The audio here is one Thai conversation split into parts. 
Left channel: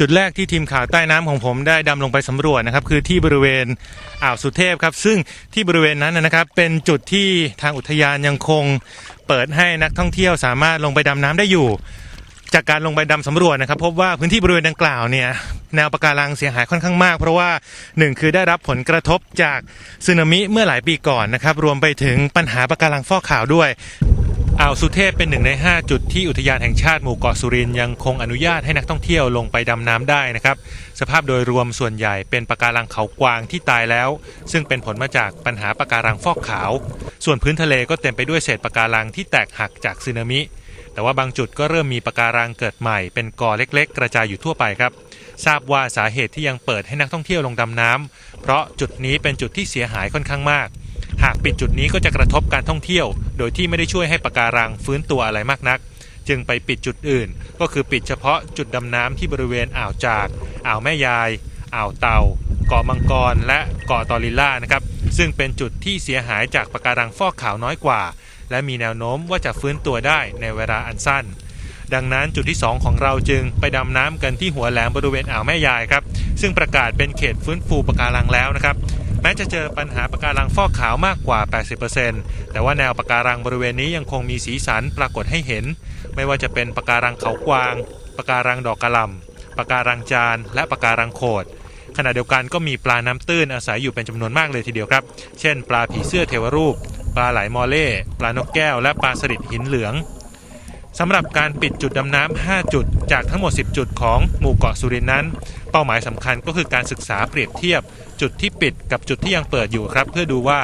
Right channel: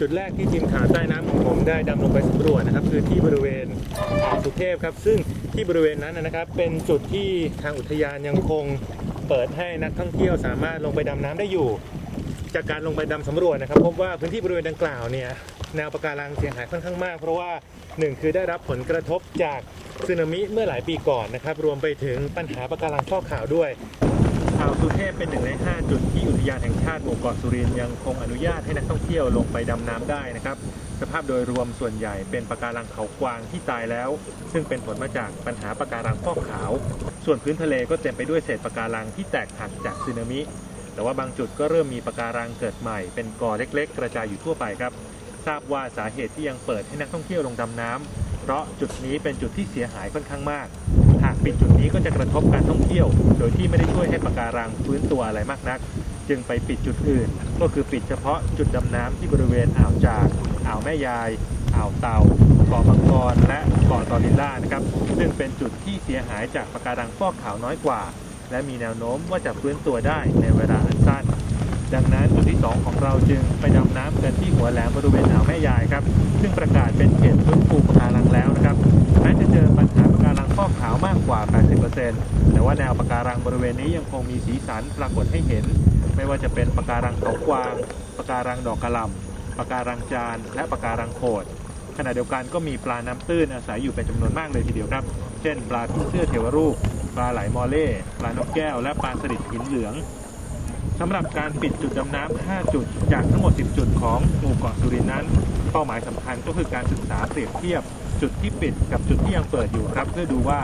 จุดแรกที่ทีมข่าวใต้น้ำของผมได้ดำลงไปสำรวจนะครับคือที่บริเวณอ่าวสุเทพครับซึ่งที่บริเวณนั้นนะครับเป็นจุดที่ทางอุทยานยังคงเปิดให้นักท่องเที่ยวสามารถลงไปดำน้ำได้อยู่ จากการลงไปดำสำรวจนะครับพบว่าพื้นที่บริเวณดังกล่าวเนี่ยแนวปะการังเสียหายค่อนข้างมาก เพราะว่าหนึ่งคือได้รับผลกระทบจากสึนามิเมื่อหลายปีก่อนนะครับรวมไปถึงปัญหาปะการังฟอกขาวด้วย อ่าวสุเทพเป็นหนึ่งใน 5 จุดที่อุทยานแห่งชาติหมู่เกาะสุรินยังคงอนุญาตให้นักท่องเที่ยวลงไปดำน้ำได้นะครับ สภาพโดยรวมส่วนใหญ่เป็นปะการังเขากวางที่ตายแล้ว ซึ่งเป็นผลมาจากปัญหาปะการังฟอกขาว ส่วนพื้นทะเลก็เต็มไปด้วยเศษปะการังที่แตกหักจากสึนามิ แต่ว่าบางจุดก็เริ่มมีปะการังเกิดใหม่ เป็นกอเล็ก ๆ กระจายอยู่ทั่วไปครับ ทราบว่าสาเหตุที่ยังเปิดให้นักท่องเที่ยวลงดำน้ำ เพราะจุดนี้เป็นจุดที่เสียหายค่อนข้างมาก หากปิดจุดนี้ก็จะกระทบการท่องเที่ยว โดยที่ไม่ได้ช่วยให้ปะการังฟื้นตัวอะไรมากนัก จึงไปปิดจุดอื่น ก็คือปิดเฉพาะจุดดำน้ำที่บริเวณอ่าวจากอ่าวแม่ยาย อ่าวเต่าเกาะมังกร และเกาะตอริลล่านะครับ ซึ่งเป็นจุดที่เสียหายจากปะการังฟอกขาวน้อยกว่า และมีแนวโน้มว่าจะฟื้นตัวได้ในเวลาอันสั้น ดังนั้นจุดที่ 2 ของเราจึงไปดำน้ำกันที่หัวแหลมบริเวณอ่าวแม่ยายครับ ซึ่งประกาศเป็นเขตฟื้นฟูปะการังแล้วนะครับแม้จะเจอปัญหาปะการังฟอกขาวมากกว่า 80%แต่ว่าแนวปะการังบริเวณนี้ยังคงมีสีสันปรากฏให้เห็น ไม่ว่าจะเป็นปะการังเขากวางปะการังดอกกระลำปะการังจาน และปะการังโขดขณะเดียวกันก็มีปลาน้ำตื้นอาศัยอยู่เป็นจำนวนมากเลยทีเดียวครับ เช่น ปลาผีเสื้อเทวรูป ปลาไหลมอเล่ ปลานกแก้ว และปลาสลิดหินเหลือง สำหรับการปิดจุดดำน้ำ 5 จุด จากทั้งหมด 10 จุดของหมู่เกาะสุรินทร์นั้น เป้าหมายสำคัญก็คือการศึกษาเปรียบเทียบ จุดที่ปิดกับจุดที่ยังเปิดอยู่ครับ เพื่อดูว่า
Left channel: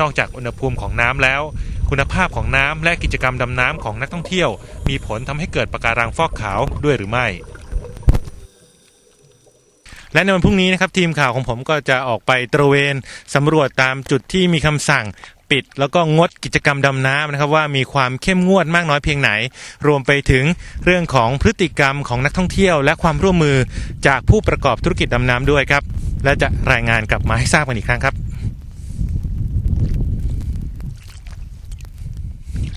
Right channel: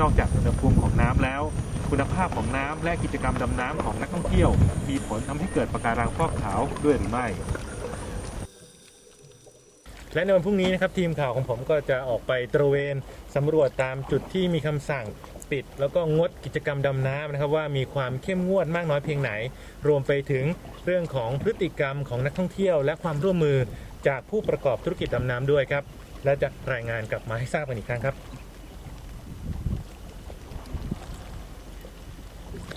นอกจากอุณหภูมิของน้ำแล้ว คุณภาพของน้ำและกิจกรรมดำน้ำของนักท่องเที่ยว มีผลทำให้เกิดปะการังฟอกขาวด้วยหรือไม่ และในวันพรุ่งนี้นะครับทีมข่าวของผมก็จะออกไปตระเวนสำรวจตามจุดที่มีคำสั่งปิด แล้วก็งดกิจกรรมดำน้ำนะครับว่ามีความเข้มงวดมากน้อยเพียงไหน รวมไปถึงเรื่องของพฤติกรรมของนักท่องเที่ยว และความร่วมมือจากผู้ประกอบธุรกิจดำน้ำด้วยครับและจะรายงานกลับมาให้ทราบกันอีกครั้งครับ